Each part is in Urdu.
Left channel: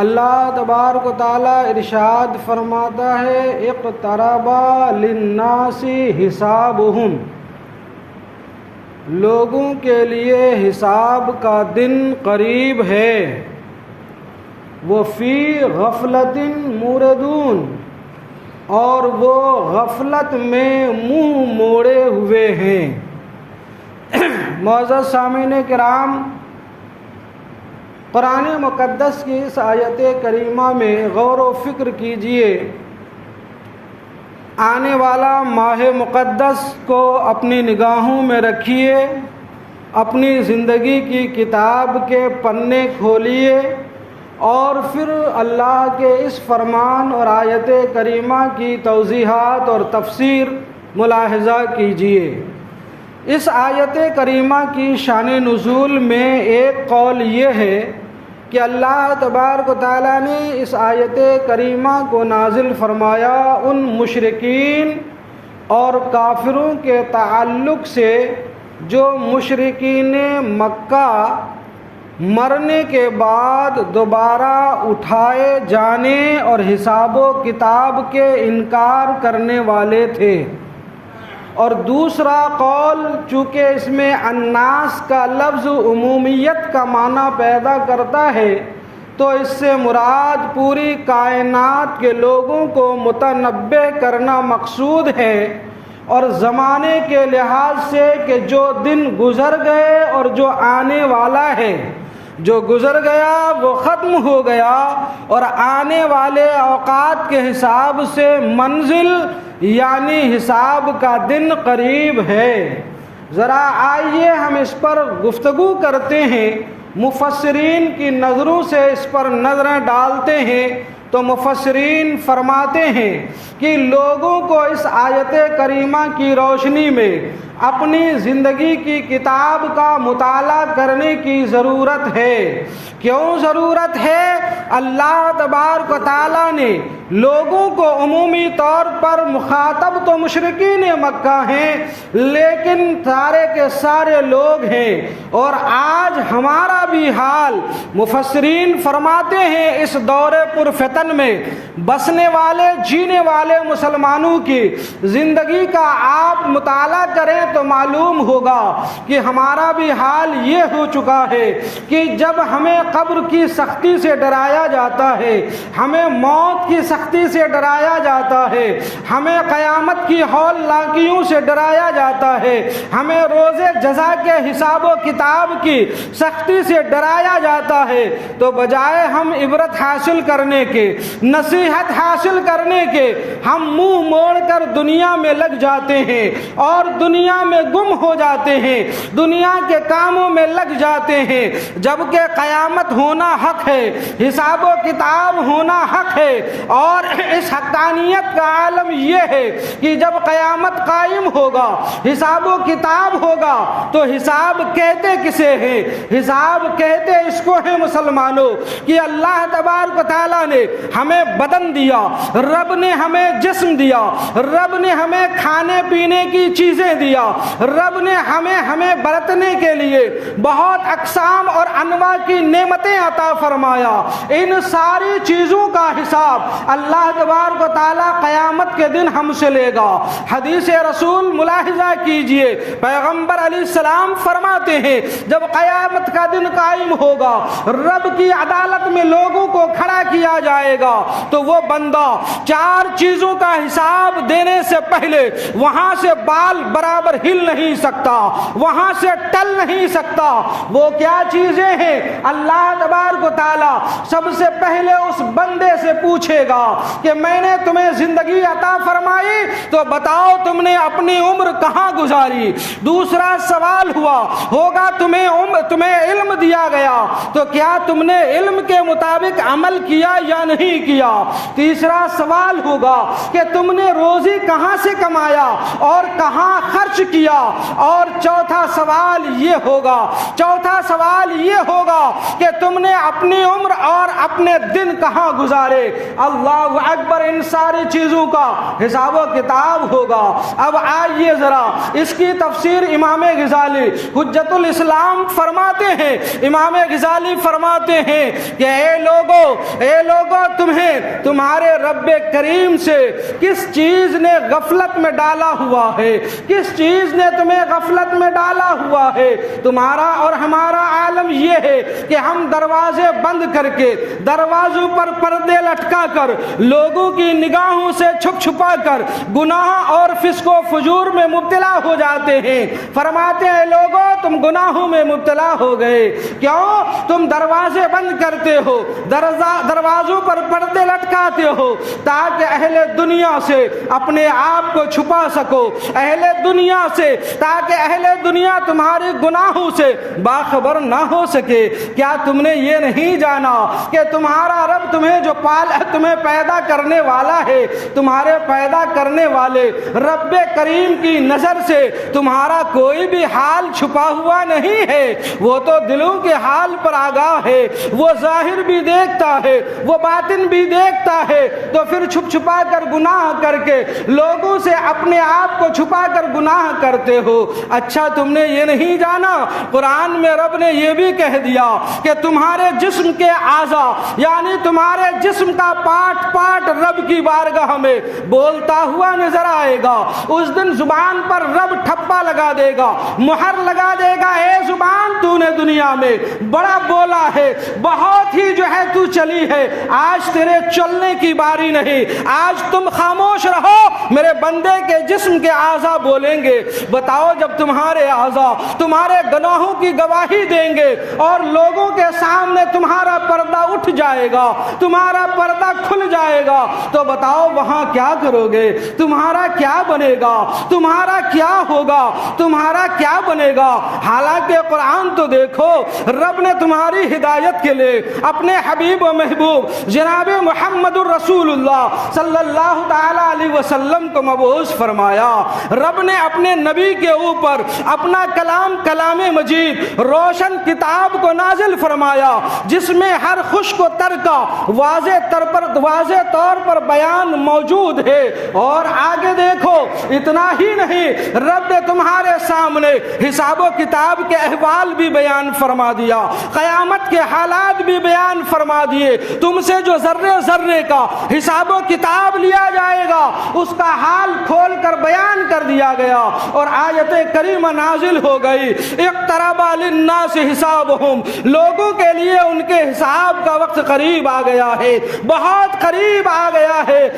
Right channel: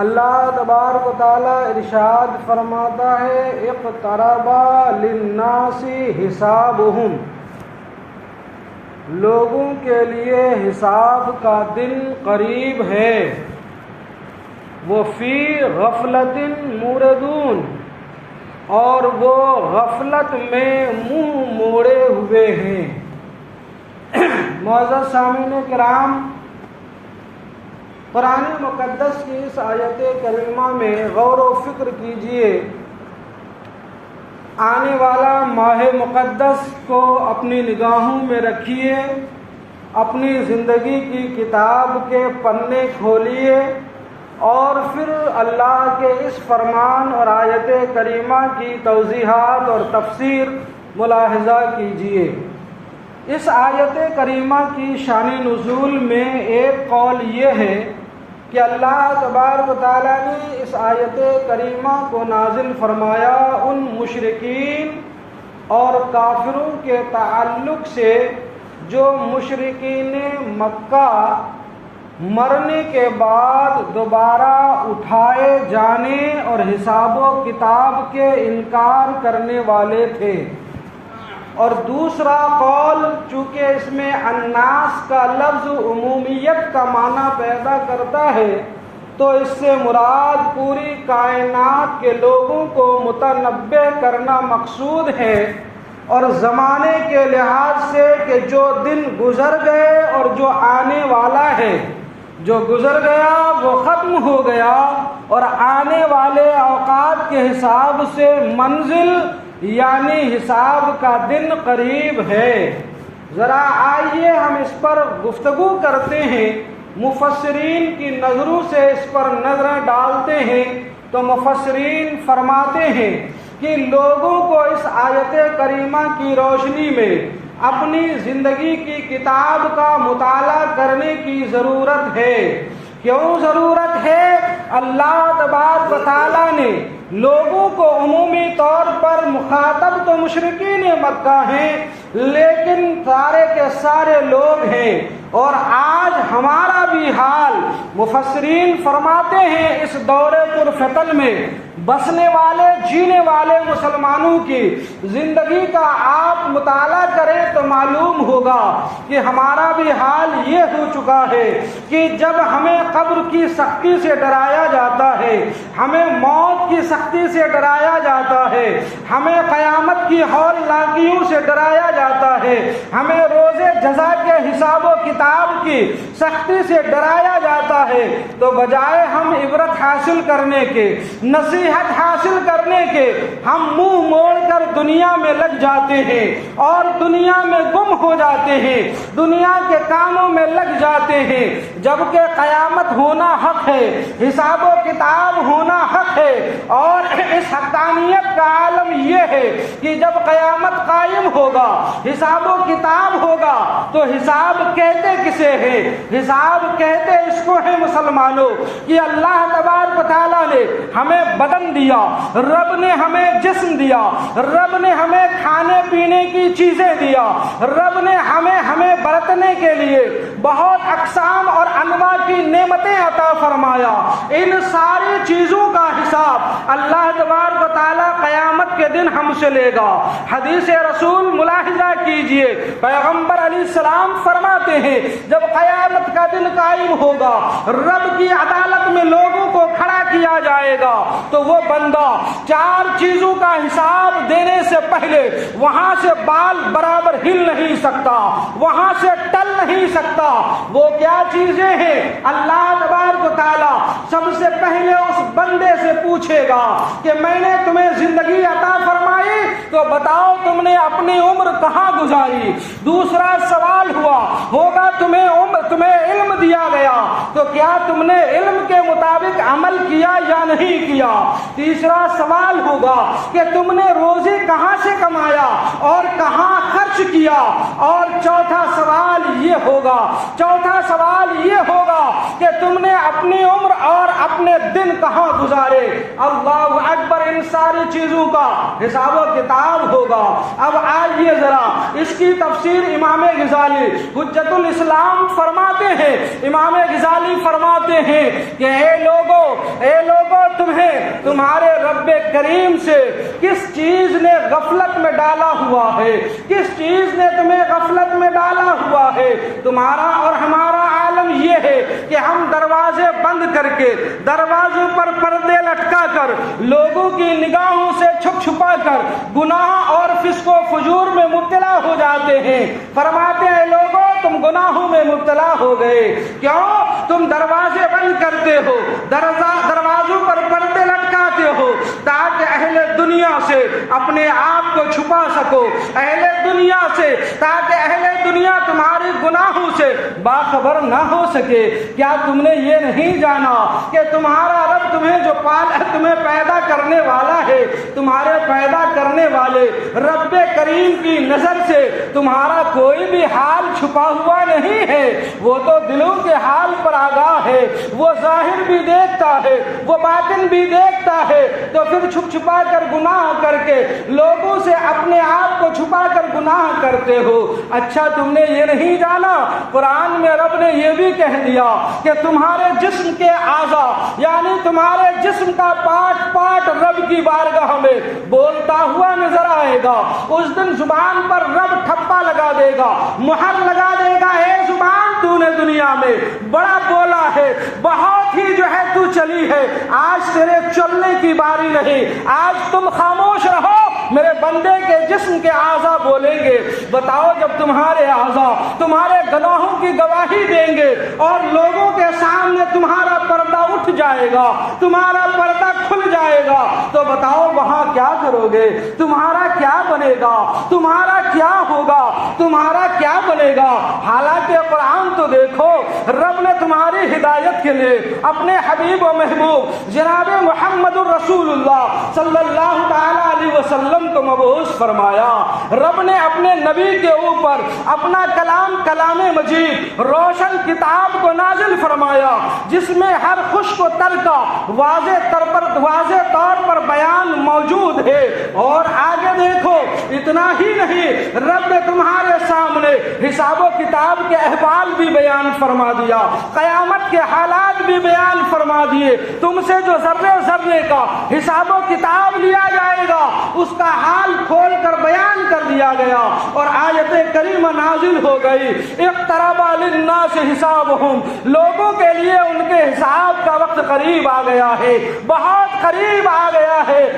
اللہ تبارک و تعالیٰ ارشاد فرماتا ہے اقترب للناس حسابہم، لوگوں کے لیے حساب کا دن قریب ہے، وہ فی غفلت موردون، اور وہ غفلت میں منہ موڑے ہوئے ہیں۔ معزز سامعین کرام، قرآن مقدس کی اس آیت کریمہ میں غور و فکر کیجئے۔ آنے والا ماہ مقدس کو اپنی نگاہوں میں رکھیے، اپنی زندگی کی کتاب کے پنے کھولیے، اور پھر اللہ کے اس فرمان اور آیت کریمہ کی توضیحات اور تفسیر ملاحظہ کیجئے۔ اس آیت کریمہ کی شان نزول میں ایک قول یہ ہے کہ اللہ تبارک و تعالیٰ نے اس آیت کریمہ کو نازل فرمایا ان مشرکین اور کافروں کے تعلق سے جو مشرکین مکہ مرنے کے بعد دوبارہ اٹھائے جانے اور حساب و کتاب کے انکار کرنے والے تھے۔ اور دوسرا قول، چونکہ اس میں الناس کا لفظ عمومیت کا معنی پیدا کرتا ہے، تو اس سے مراد پوری کائنات کے لوگوں کو متنبع کرنا مقصود ہے، اور زمانے کے لحاظ سے کہ جو دن گزر گئے اور جو آنے والا ہے، جو گزر گیا وہ ختم ہو گیا، اور آنے والے اوقات کے حساب سے منزل یعنی حساب کا دن قریب ہے۔ ذرا آئیے ہم اس پر گفتگو کرتے ہیں، مفسرین کی نظروں سے اس پر نظریں ڈالتے ہیں۔ تو مفسرین فرماتے ہیں کہ لوگوں کو اس آیت کریمہ کی روشنی میں اپنی زندگی کی کتاب کا مطالعہ کرنے کی ضرورت ہے۔ کیوں ضرورت ہے؟ اللہ تبارک و تعالیٰ نے لوگوں کو عمومی طور پر مخاطب تو مشرکین مکہ ہیں، لیکن سارے کے سارے لوگ ہیں، اور آج ہمارا بھی حال مفسرین فرماتے ہیں اس دور پر فتن میں بسنے والے جینے والے مسلمانوں کی زندگی کا آپ مطالعہ کریں تو معلوم ہوگا کہ ہمارا بھی حال یہ ہو چکا ہے کہ جب ہمیں قبر کی سختی سے ڈرایا جاتا ہے، ہمیں موت کی سختی سے ڈرایا جاتا ہے، ہمیں قیامت کی ہولناکیوں سے ڈرایا جاتا ہے، ہمیں روز جزا کے حساب و کتاب کی سختی سے ڈرایا جاتا ہے، تو بجائے ہم عبرت حاصل کرنے کے، نصیحت حاصل کرنے کے، ہم منہ موڑ کر دنیا میں لگ جاتے ہیں اور دنیا میں گم ہو جاتے ہیں، دنیا کے کاموں میں لگ جاتے ہیں، جبکہ قیامت ہونا حق ہے، حساب و کتاب ہونا حق ہے۔ اور اس حقانیت کا عالم یہ ہے کہ جب قیامت قائم ہوگا، حساب و کتاب ہوگا، تو حساب کہتے کسے ہیں؟ حساب کہتے اس کو ہے مسلمانوں کہ اللہ تبارک و تعالیٰ نے ہمیں بدن دیا، رب نے ہمیں جسم دیا، رب نے ہمیں کھانے پینے کی چیزیں دیا، رب نے ہمیں برتنے کے لیے بہت اقسام اور انواع کی نعمتیں عطا فرمایا۔ ان ساری چیزوں کا حساب اللہ تبارک و تعالیٰ قیامت کے دن ہم سے لے گا۔ حدیث رسول ملاحظہ کیجئے، پیغمبر علیہ السلام فرماتے ہیں جب قیامت کا دن قائم ہوگا، رب کی عدالت میں لوگوں کو کھڑا کیا جائے گا، تو وہ بندہ چار چیزوں کا حساب دینے سے پہلے وہاں سے بال برابر ہل نہیں سکتا، وہاں سے ٹل نہیں سکتا۔ وہ کیا چیزیں ہیں؟ اللہ تبارک و تعالیٰ سب سے پہلے اس بندے سے پوچھے گا کہ میں نے تمہیں زندگی عطا فرمائی تو بتاؤ تم نے اپنی عمر کہاں گزاری؟ دوسرا سوال ہوگا تمہیں علم دیا گیا تو کیا تم نے علم کے مطابق عمل کیا یا نہیں کیا؟ تیسرا سوال ہوگا کہ تم نے روزی کہاں سے کمایا اور کہاں خرچ کیا؟ اور چوتھا سوال یہ ہوگا کہ تم نے اپنی عمر اور اپنے دن کہاں گزارے؟ اللہ اکبر! ان ساری چیزوں کا حساب و کتاب ہوگا۔ اب آئیے ذرا اس کی تفسیر امام غزالی حجت الاسلام فرماتے ہیں کہ اے لوگو، اے لوگوں تمہیں تمہارے رب کریم سے کس چیز نے غفلت میں ڈالا ہوا ہے؟ کس چیز نے تمہیں غفلت میں ڈالا ہوا ہے؟ تمہارا اور ہمارا عالم یہ ہے کہ ہم دروازے بند کر کے، دروازوں پر پردے لٹکا کر، لوگوں کی نگاہوں سے چھپ چھپا کر گناہ اور فسق و فجور میں مبتلا ہو جاتے ہیں۔ فرماتے ہیں لوگوں تم گناہوں میں مبتلا ہو گئے، کیوں؟ تم دروازے بند کرتے ہو، دروازوں پر پردے لٹکاتے ہو تاکہ اہل دنیا سے اپنے آپ کو چھپا سکو، اہل دنیا سے، تاکہ اہل دنیا تمہارے گناہوں سے باخبر نہ ہو سکے۔ کیا تم نے یہ نہیں جانا کہ تمہارا رب تمہیں پیدا کرنے والا ہے؟ تمہارے پیدا کرنے والے رب کریم کی نظر سے تمہارا کوئی بھی حال چھپا ہوا نہیں ہے، وہ تو دلوں کے حال پر آگاہ ہے، وہ ظاہر بھی دیکھتا ہے، وہ باطن بھی دیکھتا ہے، تو پھر چھپ چھپا کر گناہ کر کے لوگوں سے اپنے آپ کو چھپا کر گناہ کرتے ہو۔ اچھا تم نے یہ نہیں جانا، قرآن میں رب نے یہ بھی کہہ دیا کہ تمہارے جسم کے اعضاء، یعنی تمہارے جسم کا پارٹ پارٹ رب کی بارگاہ میں بولتا ہوا نظر آئے گا۔ اس دن زبان پر رب ٹھپا لگا دے گا، مہر لگا دے گا، اے زبان تو نے دنیا میں بڑا بولا ہے، بہت ہی جو ہے تو چلی ہے، آج تیرے چلنے کی باری نہیں، آج تم خاموش رہو، میرے بندے کے جسم کے اعضاء بولیں گے۔ بتاؤ جب تمہارے اعضاء تمہارے گناہوں کی گواہی دیں گے اور لوگوں کے سامنے تمہارا پردہ اٹھ جائے گا، تمہارا پردہ کھل جائے گا، تو بتاؤ وہاں کیا کرو گے؟ تمہارا کیا بنے گا؟ تمہارا کیا ہوگا؟ تمہارا کیا بنے گا؟ حالانکہ قرآن تو دیکھو، رب نے تمہاری ہدایت کے لیے اپنے حبیب و محبوب جناب محمد الرسول اللہ صلی اللہ تعالی علیہ وسلم کو مبعوث فرمایا۔ رب نے اپنے نبی کے اوپر اپنا کلام مجید روشن کتاب کو نازل فرمایا، جس میں ہر خشک و تر کا واضح طور پر بیان موجود ہے۔ اور آگے دیکھو، اتنا ہی نہیں، رب نے تمہارے سامنے حساب و کتاب کے احوال بھی بیان فرما دیا، قیامت کے حالات بھی بیان فرما دیے، تم سے جو ذرے ذرے کا حساب و کتاب لیا جائے گا اس کا حال کھول کر بیان کر دیا گیا۔ اور آیت کریمہ نازل ہو گئی، اقترب للناس حسابہم، لوگوں کے لیے ان کے حساب کا وقت قریب آ گیا ہے، بہت قریب آ گیا ہے۔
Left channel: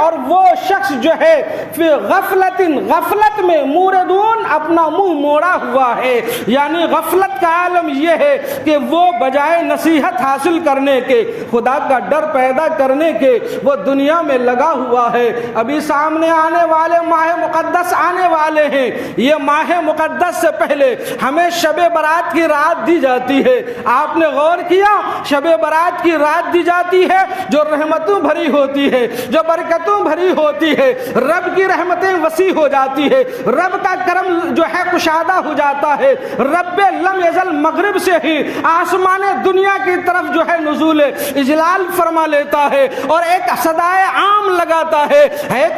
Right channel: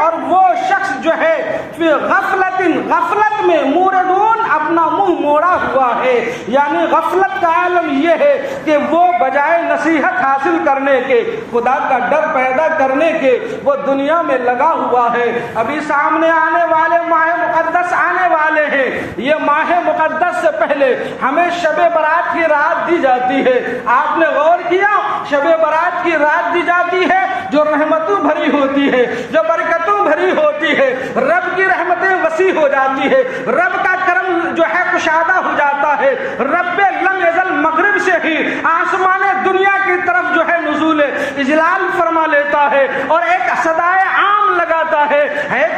اور وہ شخص جو ہے فی غفلت میں موردون، اپنا منہ موڑا ہوا ہے، یعنی غفلت کا عالم یہ ہے کہ وہ بجائے نصیحت حاصل کرنے کے، خدا کا ڈر پیدا کرنے کے، وہ دنیا میں لگا ہوا ہے۔ ابھی سامنے آنے والے ماہ مقدس آنے والے ہیں، یہ ماہ مقدس سے پہلے ہمیں شب برات کی رات دی جاتی ہے۔ آپ نے غور کیا؟ شب برات کی رات دی جاتی ہے جو رحمتوں بھری ہوتی ہے، جو برکتوں بھری ہوتی ہے، رب کی رحمتیں وسیع ہو جاتی ہے، رب کا کرم جو ہے کشادہ ہو جاتا ہے، رب لم یزل مغرب سے ہی آسمان دنیا کی طرف جو ہے نزول اجلال فرما لیتا ہے اور ایک صدائے عام لگاتا ہے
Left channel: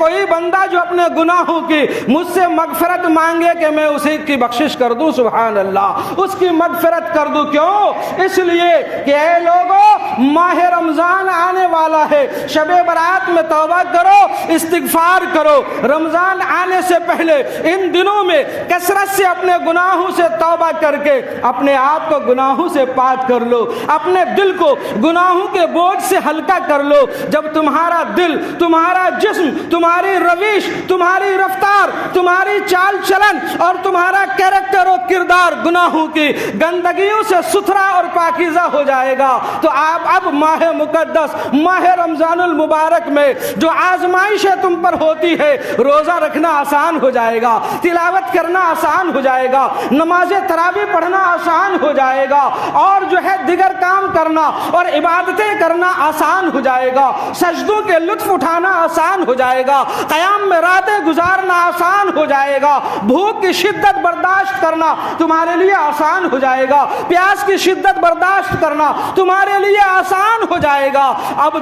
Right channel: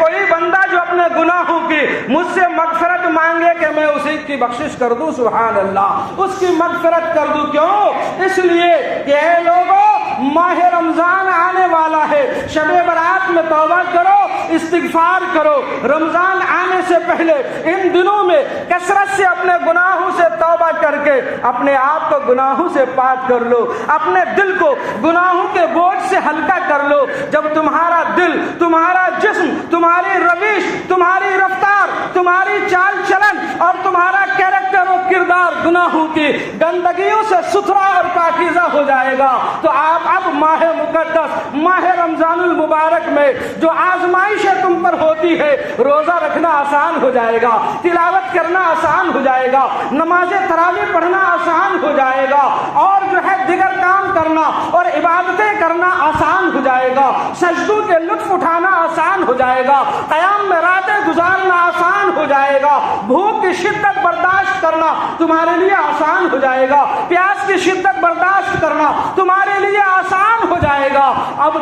کوئی بندہ جو اپنے گناہوں کی مجھ سے مغفرت مانگے کہ میں اسی کی بخشش کر دوں، سبحان اللہ، اس کی مغفرت کر دوں۔ کیوں؟ اس لیے کہ اے لوگوں، ماہ رمضان آنے والا ہے، شب برات میں توبہ کرو، استغفار کرو۔ رمضان آنے سے پہلے ان دنوں میں کثرت سے اپنے گناہوں سے توبہ کر کے اپنے آپ کو گناہوں سے پاک کر لو، اپنے دل کو گناہوں کے بوجھ سے ہلکا کر لو۔ جب تمہارا دل، تمہارا جسم، تمہاری روش، تمہاری رفتار، تمہاری چال چلن اور تمہارا کیریکٹر و کردار گناہوں کی گندگیوں سے ستھرا اور پاکیزہ ہو جائے گا، تو آپ اب ماہ مقدس، ماہ رمضان المبارک میں جو آزمائشیں تم پر ہوتی ہے، روزہ رکھنا آسان ہو جائے گا، تلاوت کرنا آسان ہو جائے گا، نماز تراویح پڑھنا آسان ہو جائے گا، اور جو ہے دیگر کام کرنا اور عبادتیں کرنا آسان ہو جائے گا، سجدوں کے لطف اٹھانا آسان ہو جائے گا، قیام میں راتیں گزارنا آسان ہو جائے گا، بھوک کی شدت برداشت کرنا تمہارے لیے آسان ہو جائے گا، پیاس کی شدت برداشت کرنا تمہارے لیے آسان ہو جائے گا۔ اب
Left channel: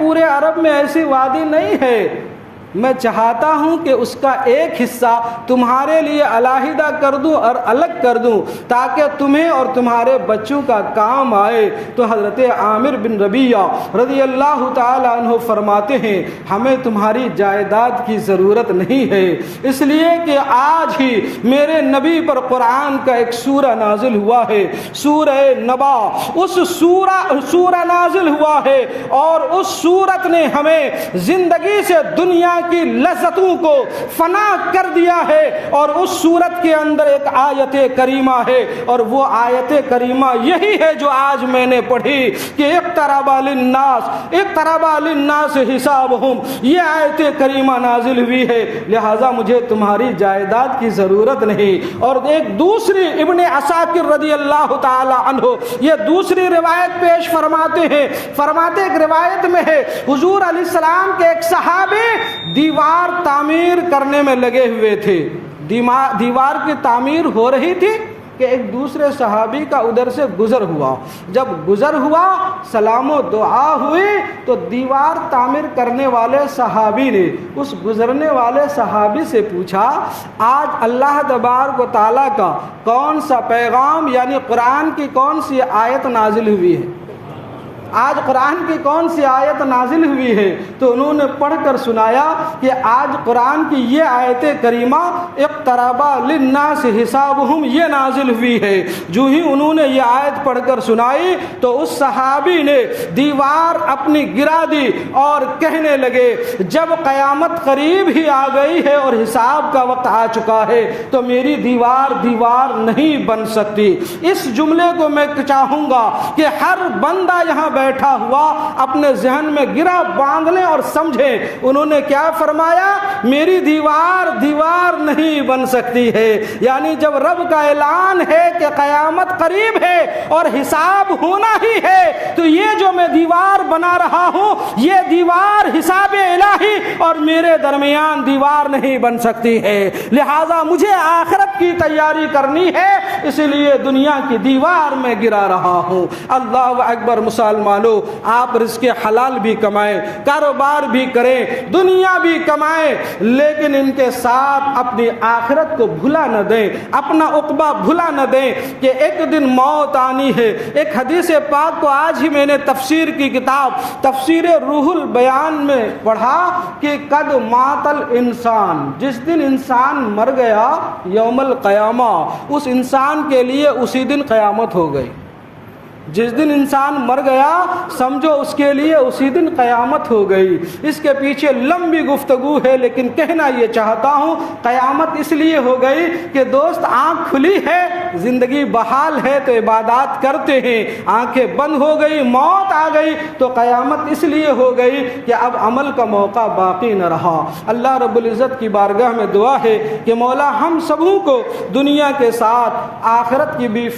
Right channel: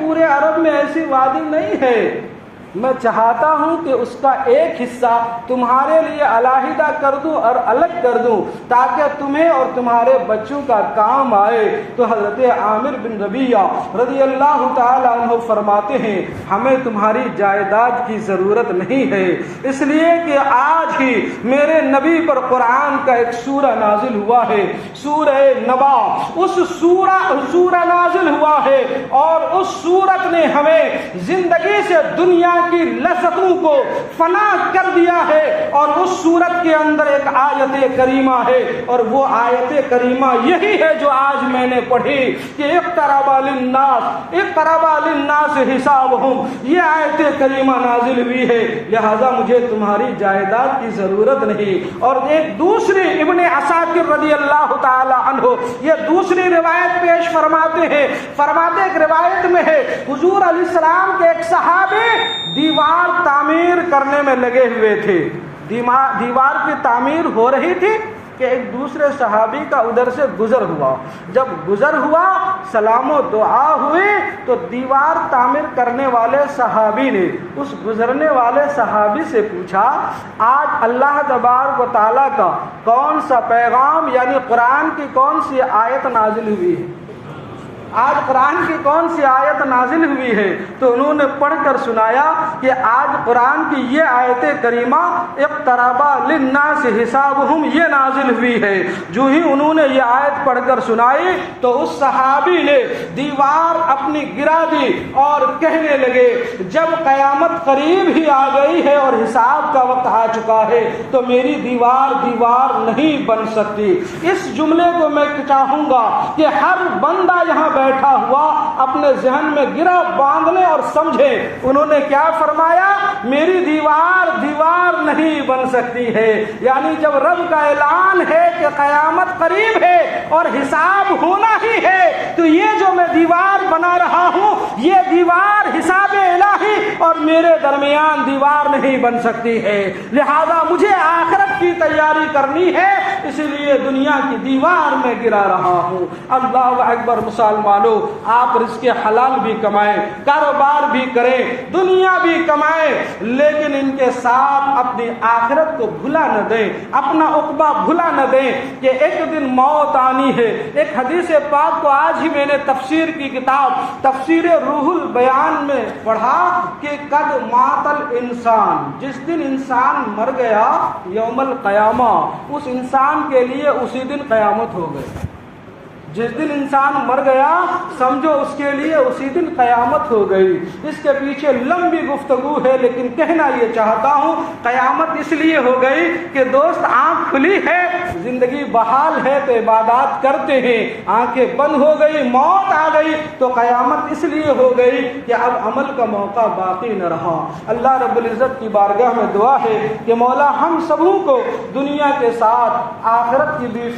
پورے عرب میں ایسی وادی نہیں ہے، میں چاہتا ہوں کہ اس کا ایک حصہ تمہارے لیے علیحدہ کر دوں اور الگ کر دوں تاکہ تمہیں اور تمہارے بچوں کا کام آئے۔ تو حضرت عامر بن ربیعہ رضی اللہ تعالیٰ عنہ فرماتے ہیں ہمیں تمہاری جائیداد کی ضرورت نہیں ہے، اس لیے کہ آج ہی میرے نبی پر قرآن کا ایک سورہ نازل ہوا ہے، سورہ نبا۔ اس سورہ نازل ہوا ہے اور اس سورت نے ہمیں زندگی سے دنیا کی لذتوں کو فنا کر دیا ہے، اور اس سورت کے اندر ایک آیت کریمہ ہے، اور وہ آیت کریمہ یہی ہے جو آج میں نے پڑھی کہ اقترب للناس حسابہم، یہ آیت کریمہ نازل ہوئی ہے، لہذا مجھے تمہاری جائیداد کی ضرورت نہیں۔ اور ایک دوسری ابن عساکر رضی اللہ تعالی عنہ یہ دوسری روایت پیش فرماتے ہیں، فرماتے ایک روایت میں ہے حضور علیہ السلام کے ایک صحابی دیوار تعمیر کرنے میں لگے ہوئے تھے، دیوار کی تعمیر ہو رہی تھی کہ ایک دوسرے صحابی کا ادھر سے گزر ہوا، جب گزر ہوا سلام و دعا ہوئی تو دیوار تعمیر کرنے والے صحابی نے اس گزرنے والے صحابی سے پوچھا آج اللہ تبارک و تعالیٰ کا کون سا پیغام یعنی قرآن کی کون سی آیت نازل ہوئی ہے، آج قرآن کی کون سی آیت نازل ہوئی ہے؟ تو انہوں نے پڑھ کر سنایا کہ آج قرآن کی یہ آیت کریمہ اقترب للناس حسابہم یہ نازل ہوئی ہے۔ جو ہی انہوں نے یہ آیت پڑھ کر سنائی تو اس صحابی نے دیوار اپنی گرا دی اور کہنے لگے جب قیامت قریب ہی آ گئی ہے اور حساب کا وقت آ چکا ہے تو میری دیوار نہیں بن سکتی۔ اس جملے کو میں چاہوں گا کہ ہر بندہ یہاں بیٹھا ہوا اپنے ذہن میں گرا باندھنے اور سمجھے انہوں نے کیا فرمایا، میری دیوار نہیں بن سکتی ہے، یعنی جب رب کا اعلان ہے کہ قیامت قریب ہے اور حساب ہونا ہی ہے تو یہ جو میں دیوار بنا رہا ہوں یہ دیوار حساب الہی اور میرے درمیان دیوار نہیں بن سکتی ہے، لہذا مجھے آخرت کی تیاری کرنی ہے، اسی لیے دنیا کی دیوار میں گرا رہا ہوں۔ اللہ اکبر مسلمانوں، آپ رزق حلال بھی کمائیں، کاروبار بھی کریں، دنیا بھی کمائیں، لیکن ان کے ساتھ اپنی آخرت کو بھلا نہ دیں، اپنا عقبہ بھلا نہ دیں کہ ایک دن موت آنی ہے۔ ایک حدیث پاک کو آج ہی میں نے تفسیر کی کتاب تفسیر روح البیان میں پڑھا کہ قد مات الانسان، جس دن انسان مر گیا یوم القیامہ، اس انسان کے لیے اسی دن قیامت ہو گئی۔ جس دن انسان مر گیا سمجھو اس کے لیے اسی دن قیامت ہو گئی۔ اس کے پیچھے لمبی گفتگو ہے لیکن کہنا یہ چاہتا ہوں قیامت اس لیے ہو گئی کہ دوست آنکھ کھلی ہے، زندگی بحال ہے تو عبادات کرتے ہیں، آنکھیں بند ہو گئی موت آ گئی تو قیامت اس لیے ہو گئی کہ اب عمل کا موقع باقی نہ رہا۔ اللہ رب العزت کی بارگاہ میں دعا ہے کہ مولا ہم سبوں کو دنیا کے ساتھ آخرت کی بھی